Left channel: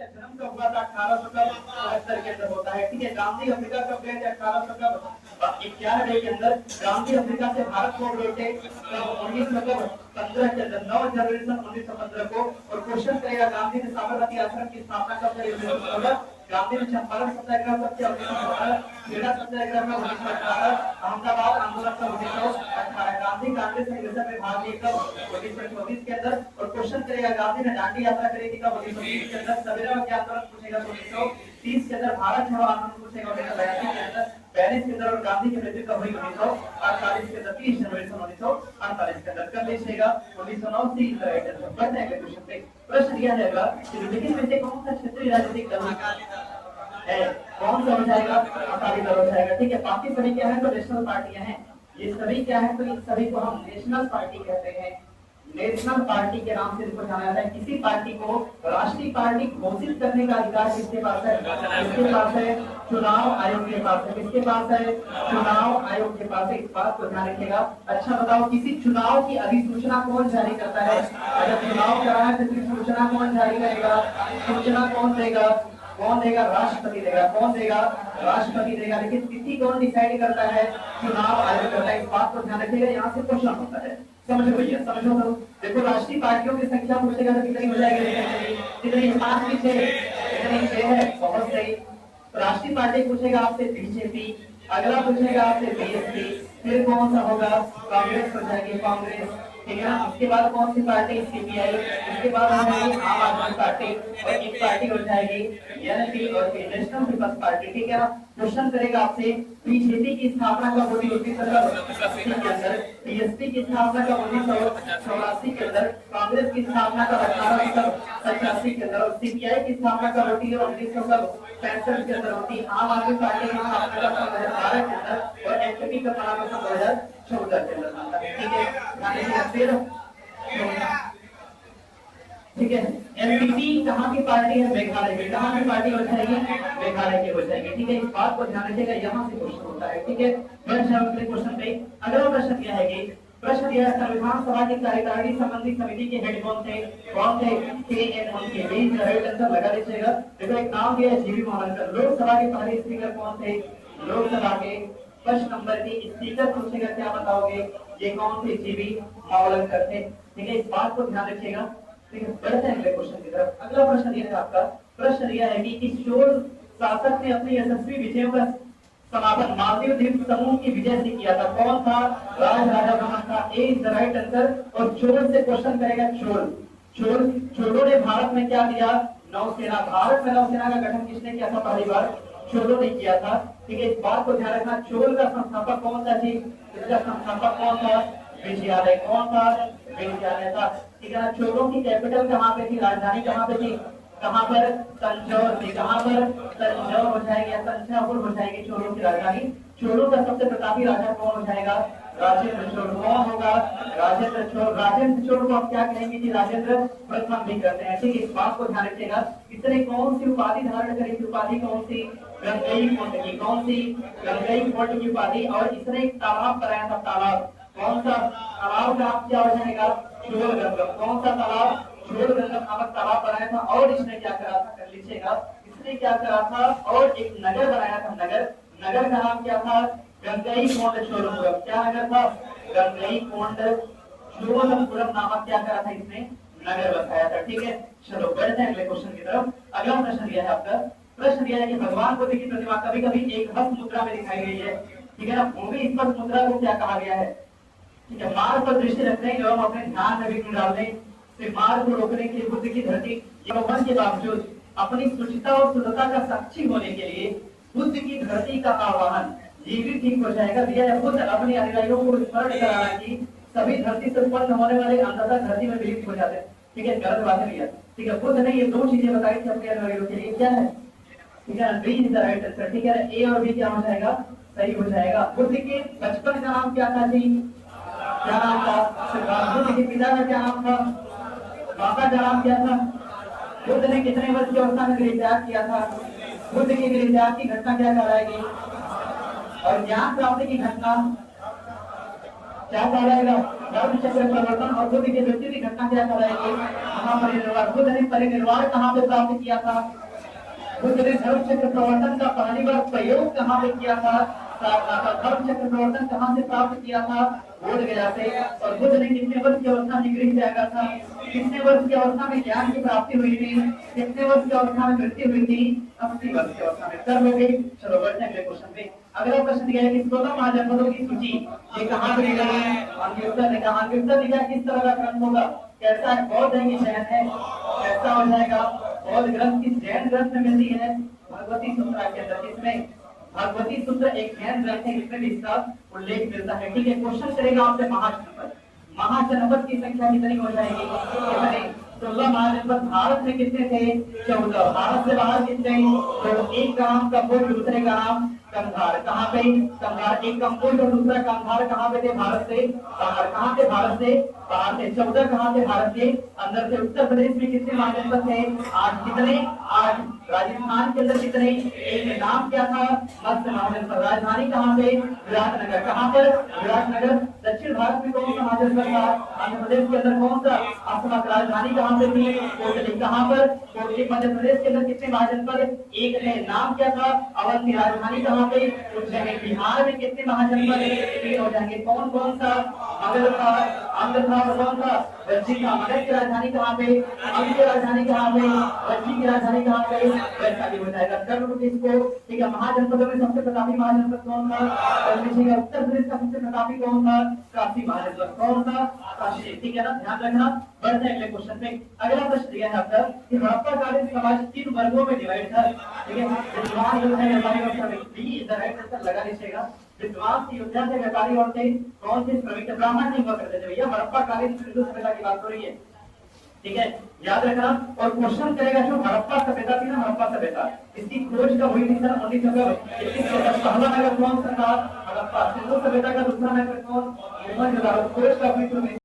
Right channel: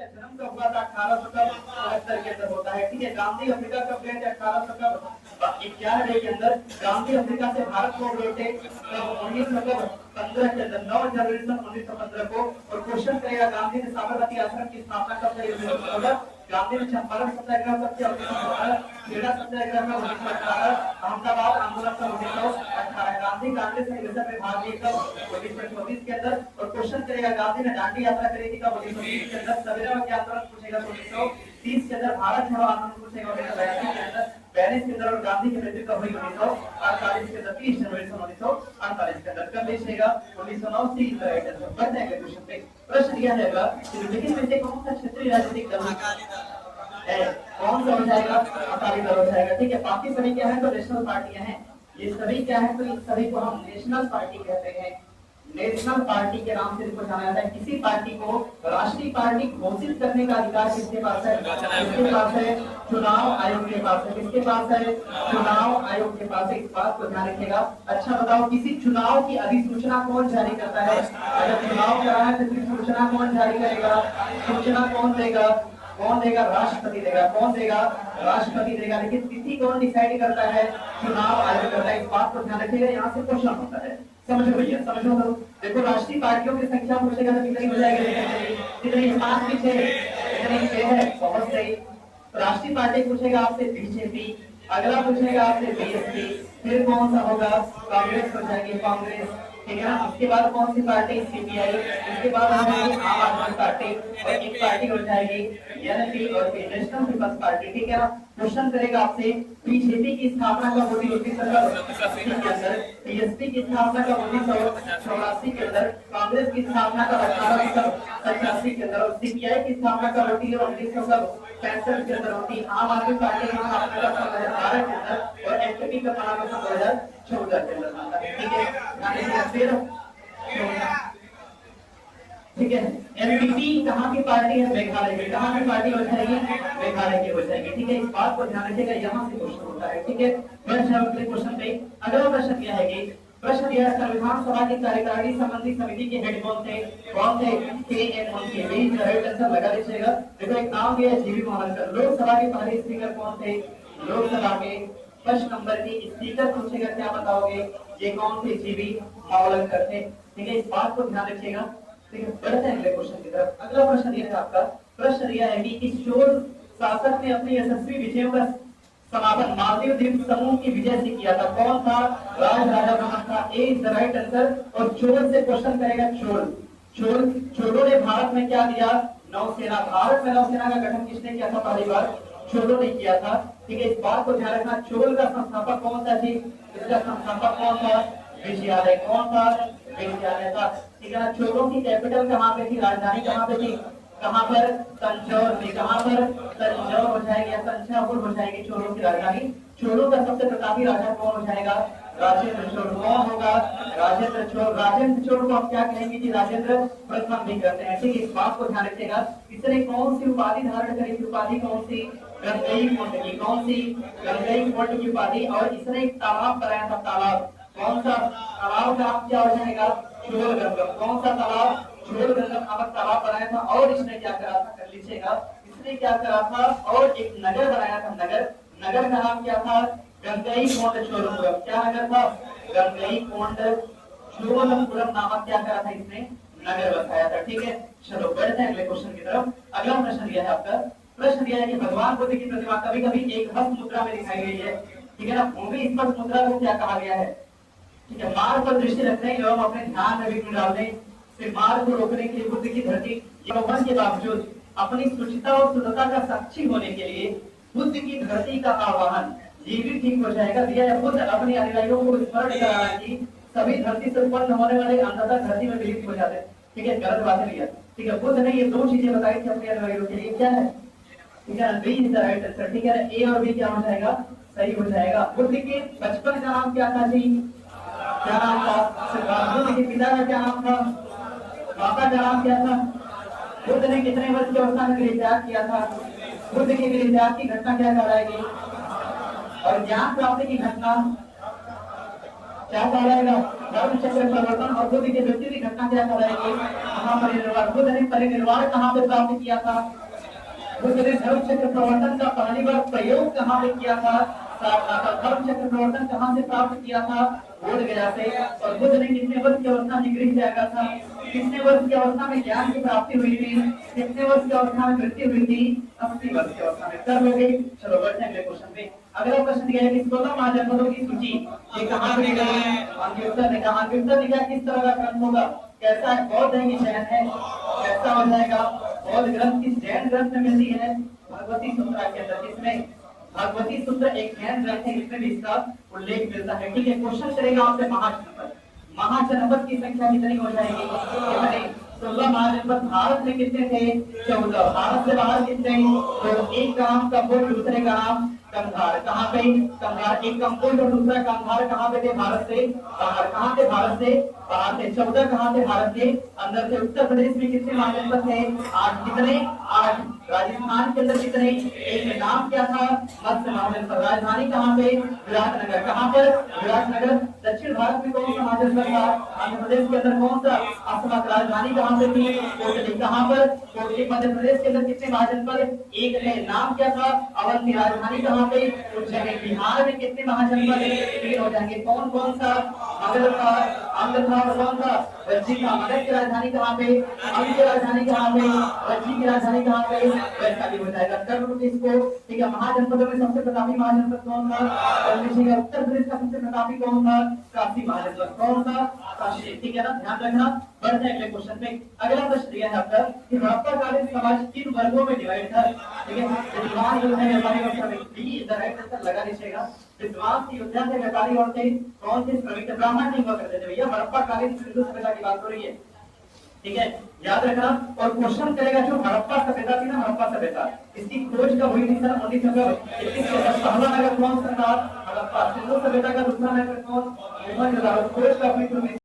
का जन्म कब हुआ था? 1869 के अंदर होता है। ठीक है, गांधी अफ्रीका कब गए थे? 1811 के अंदर गांधी अफ्रीका से भारत को गए थे। 1915 के अंदर 9 जनवरी 1915 को। और क्वेश्चन करेगा गांधी ने साबरमती आश्रम की स्थापना कब करी? 1916। गांधी ने चंपारण सत्याग्रह कब किया? 1918। खेड़ा सत्याग्रह में 1918। अहमदाबाद आंदोलन कब? 1918। गांधी कांग्रेस अधिवेशन में भाग लिए कब? 1924 के अंदर। और क्वेश्चन करेगा गांधी ने दांडी यात्रा करी थी कब? 1920 के अंदर। सवेरा के आंदोलन पूछेगा 1930 के अंदर। भारत छोड़ो आंदोलन पूछेगा 1982 के अंदर। पेरिस के अंदर। और गांधी की मृत्यु कब हुई? 1948 के अंदर, 30 जनवरी 1948 के अंदर। कब देशेगा? 1909 से इस तरह के अंदर। बढ़ते हैं अगले क्वेश्चन पे। प्रश्न दिया जाएगा कि विभिन्न में से कौन सा क्षेत्रीय राजनीतिक दल है? कौन सा हो जाएगा? अकाली दल हो जाएगा। ठीक है, बाकी सभी क्या है? तो नेशनल पार्टियां हैं। ये सभी क्या है? तो इन सभी को हम नेशनल पार्टी कहते हैं। नेशनल पार्टी के नाम से इसको जाना जाता है। किसी पार्टी को राष्ट्रीय पार्टी घोषित करने का अधिकार किसके पास है? किसके पास है? चुनाव आयोग के पास है। किसके पास है? चुनाव आयोग के पास है। इस बात को ध्यान रखिएगा। अच्छा बताओ, किसी चुनाव की अधिसूचना कौन जारी करता है? अगर चुनाव कराना है तो सूचना कौन जारी करेगा? सूचना कौन देगा? कौन देगा? राष्ट्रपति देगा। कौन देगा? राष्ट्रपति देगा। लेकिन तिथि कौन डिसाइड करता है? चुनाव आयोग करता है। इस बात को ध्यान रखिएगा। यहाँ से क्वेश्चन होता है, समझो भैया, समझो। तो देखो, राष्ट्रीय पार्टियों की संख्या पूछेगा तो कितनी हो जाएगी? कितनी? 5 की 6? कितनी? 6 है। बहुत सही। राष्ट्रीय पार्टी पूछेगा आपसे बीजेपी, अगला पूछेगा आपसे बीएसपी, फिर कौन सा होगा? कांग्रेस हो जाएगी, कांग्रेस। ठीक है ना? उसके बाद कौन सी पार्टी? सीपीआई। उसके बाद हो जाएगी आम आदमी पार्टी। और एक पार्टी हो जाएगी एनपी और नेशनल पीपल्स पार्टी। ठीक है ना? क्वेश्चन करेगा आपसे बीजेपी की स्थापना कब हुई? 1980 के अंदर। बीएसपी की स्थापना कब? 1984 के अंदर। कांग्रेस की स्थापना कब? 1885 के अंदर। और सीपीआई की स्थापना कब होती है? 1965 के अंदर होती है। आम आदमी पार्टी की स्थापना कब? 2012 के अंदर। और एनपी का बनाना 2014 के अंदर। ठीक है, ठीक है। एनपीपी कहाँ की पार्टी है? मेघालय की। कहाँ की पार्टी हो जाएगी? मेघालय की हो जाएगी। ठीक है, इस बात को ध्यान रखिएगा। यहाँ से क्वेश्चन होता है। ठीक है, अगले क्वेश्चन पे। अगला प्रश्न क्या है? प्रश्न यह है, संविधान सभा की कार्यकारिणी संबंधी समिति के हेड कौन थे? कौन थे? लगा दीजिएगा। देखो, एक नाम भी है जीवी मावलकर। लोकसभा के पहले स्पीकर कौन थे? लोकसभा के फर्स्ट नंबर की स्पीकर पूछेगा, क्या बताओगे? ये कौन थे? जीवी मावलकर थे। ठीक है, इस बात को ध्यान रखिएगा। ठीक है, बढ़ते हैं अगले क्वेश्चन की तरफ। अगला प्रश्न यह है आपका। प्रश्न यह है कि इस चोल शासक ने अपनी यशस्वी विजयों का समापन मालदीव द्वीप समूह की विजय से किया था। कौन था? राज राजा कौन था? ए इज द राइट आंसर। और चोल से क्वेश्चन करेगा। चोलों ने भारत में क्या दिया? नौसेना। भारत में नौसेना का गठन किसने किया था पहली बार? चोलों ने किया था। ठीक है, इस बात को ध्यान रखना। चोल का संस्थापक कौन था जी? इसका संस्थापक कौन था? विजयालय। कौन था? विजयालय था। ठीक है, चोलों की कैपिटल कहाँ पे थी? राजधानी कहाँ पे थी? कहाँ पर? तंजौर में। कहाँ पर? तंजौर हो जाएगी या तंजावुर हो जाएगी चोलों की राजधानी। चोलों का सबसे प्रतापी राजा कौन हो जाएगा? राजेंद्र चोल। कौन होगा? राजेंद्र चोल। राजेंद्र चोल को आप क्या कहेंगे कि राजेंद्र प्रथम भी करते हैं। ठीक है, इस बात को ध्यान रखिएगा। इसने कौन सी उपाधि धारण करी थी? उपाधि कौन सी? गंगई कोंड की। कौन सी? गंगई कोंड की उपाधि। और इसने एक तालाब बनाया था। तालाब कौन सा? तालाब का नाम क्या हो जाएगा? चोलगंगम। कौन सा तालाब? चोलगंगम नामक तालाब बनाया था। और इसने क्या करा था? कर लीजिएगा, इसने क्या करा था? और एक नगर बनाया था। नगर का नाम क्या था? गंगई कोंड चोलपुरम। क्या नगर था? गंगई कोंड चोलपुरम नामक क्या करा था? इसने नगर बताया था। ठीक है, चलो बढ़ते हैं अगले क्वेश्चन की तरफ। अगला प्रश्न यह है आपका। प्रश्न यह है कि भगवान बुद्ध की प्रतिमा कभी कभी एक हस्त मुद्रा में दिखाई गई है। ठीक है ना? भूमि स्पर्श मुद्रा को क्या कहा गया है? ठीक है, मार्ग पर दृष्टि रखने एवं अपने ध्यान में भी डालने से मार्ग को रोकने के लिए बुद्ध की धरती यौवन के बावजूद अपनी सुचिता और शुद्धता का साक्षी होने के लिए बुद्ध की धरती का आह्वान, ये भी ठीक हो जाएगा। भैया बुद्ध अपने अनुयायियों को स्मरण कराना कि सभी धरती से उत्पन्न होने वाले अंधता धरती में विलीन हो जाते। ठीक है, गलत बात है भैया। ठीक है, बुद्ध ने ये 2 चीजें बताई थी अपने अनुयायियों के लिए। क्या है? ठीक है, B is the right answer. ठीक है, ए और बी क्या हो जाएगा? सही हो जाएगा। बुद्ध के बचपन का नाम क्या था जी? क्या नाम था? बुद्ध के पिता का क्या नाम था? पापा का नाम क्या था? बुद्ध ने कितने वर्ष की अवस्था में गृह त्याग किया था? बुद्ध की गृह त्याग की घटना क्या कहलाएगी? और ज्ञान प्राप्ति की घटना? क्या कहलाएगा? गर्भ चक्र परिवर्तन। और खुद की मृत्यु की घटना क्या कहलाएगी? महापरिनिर्वाण। खुद ने परिनिर्वाण कहाँ पे प्राप्त किया था? बुद्ध ने धर्म चक्र प्रवर्तन का पहली बार प्रयोग कहाँ पे किया था? धर्म चक्र प्रवर्तन कहाँ से प्राप्त किया था? बोध गया से। और बुद्ध ने कितने वर्ष की अवस्था में गृह त्यागा था? कितने वर्ष की अवस्था में ज्ञान की प्राप्ति हुई थी? कितने वर्ष की अवस्था में मृत्यु हुई थी? 80 वर्ष की अवस्था में। कर लोगे? चलो बढ़ते हैं अगले क्वेश्चन पे। अगला प्रश्न यह है कि 16 महाजनपदों की सूची ये कहाँ दी गई है? अंकिता ने कहा। अंकिता निकाय किस तरह का ग्रंथ होगा? कैसा है? बौद्ध है कि जैन है? कैसा हो जाएगा? बौद्ध ग्रंथ की जैन ग्रंथ में मिलती है भगवती सूत्र के अंदर। किसमें? भगवती सूत्र एक जैन ग्रंथ है, जिसमें भी इसका उल्लेख मिलता है। ठीक है, क्वेश्चन करेगा आपसे महाजनपद। महाजनपद की संख्या कितनी हो जाएगी? कितने? 16 महाजनपद। भारत में कितने थे? 14। भारत से बाहर कितने? तो एक का नाम कंबोज, दूसरे का नाम कंधार। कहाँ पे? कंधार। एक कंबोज और दूसरा कंधार कहाँ पे थे? भारत से बाहर। कहाँ से? भारत से बाहर थे। 14 कहाँ से? भारत के अंदर से। उत्तर प्रदेश में कितने महाजनपद थे? 8। कितने? 8। राजस्थान के अंदर कितने? इनका नाम क्या था? मत्स्य महाजनपद। राजधानी कहाँ पे? विराटनगर। कहाँ पर? विराटनगर। दक्षिण भारत में कौन सा महाजनपद था? आंध्र प्रदेश के अंदर कौन सा? आपका राजधानी कहाँ पे थी? कोटली। कहाँ पर? कोटली। मध्य प्रदेश के अंदर कितने महाजनपद? एक है। नाम क्या था? अवंती। राजधानी कहाँ पे? उज्जैन। बिहार में कितने महाजनपद? 3 हो जाएंगे। कौन कौन सा? मगध था, अंग था, और कौन सा? वृश्चिक था। मगध की राजधानी कहाँ पे? अंग की राजधानी कहाँ पे? वृश्चिक की राजधानी कहाँ पे? वैशाली हो जाएगा। कर्म किसको? ठीक है। महाजनपदों में सबसे प्रतापी महाजनपद कौन था? उत्तर प्रदेश का सबसे प्रतापी कौन था? काशी महाजनपद। कौन सा? काशी। ठीक है ना, ध्यान रखना। बढ़ते हैं अगले क्वेश्चन पे। अगला प्रश्न दिया है आपका कि हड़प्पाकालीन समाज 3 वर्गों में डिवाइड था। ठीक है, विद्वान जो है व्यापारी और श्रमिक। इधर राइट आंसर लगा लीजिएगा। विद्वान योद्धा थे, व्यापारी और थे कौन से? श्रमिक। ब्राह्मण नहीं हुआ करते थे भैया। हड़प्पाकालीन सिंधु सभ्यता की बात हो रही है। ठीक है, याद रखना। और क्वेश्चन करेगा जो हड़प्पा सभ्यता थी ना, हड़प्पा सभ्यता, इसकी खोज कब हुई थी? सन 1921। पहला नगर कौन सा था? हड़प्पा। सिंधु सभ्यता का दूसरा नगर कौन? खोज कब हुई थी?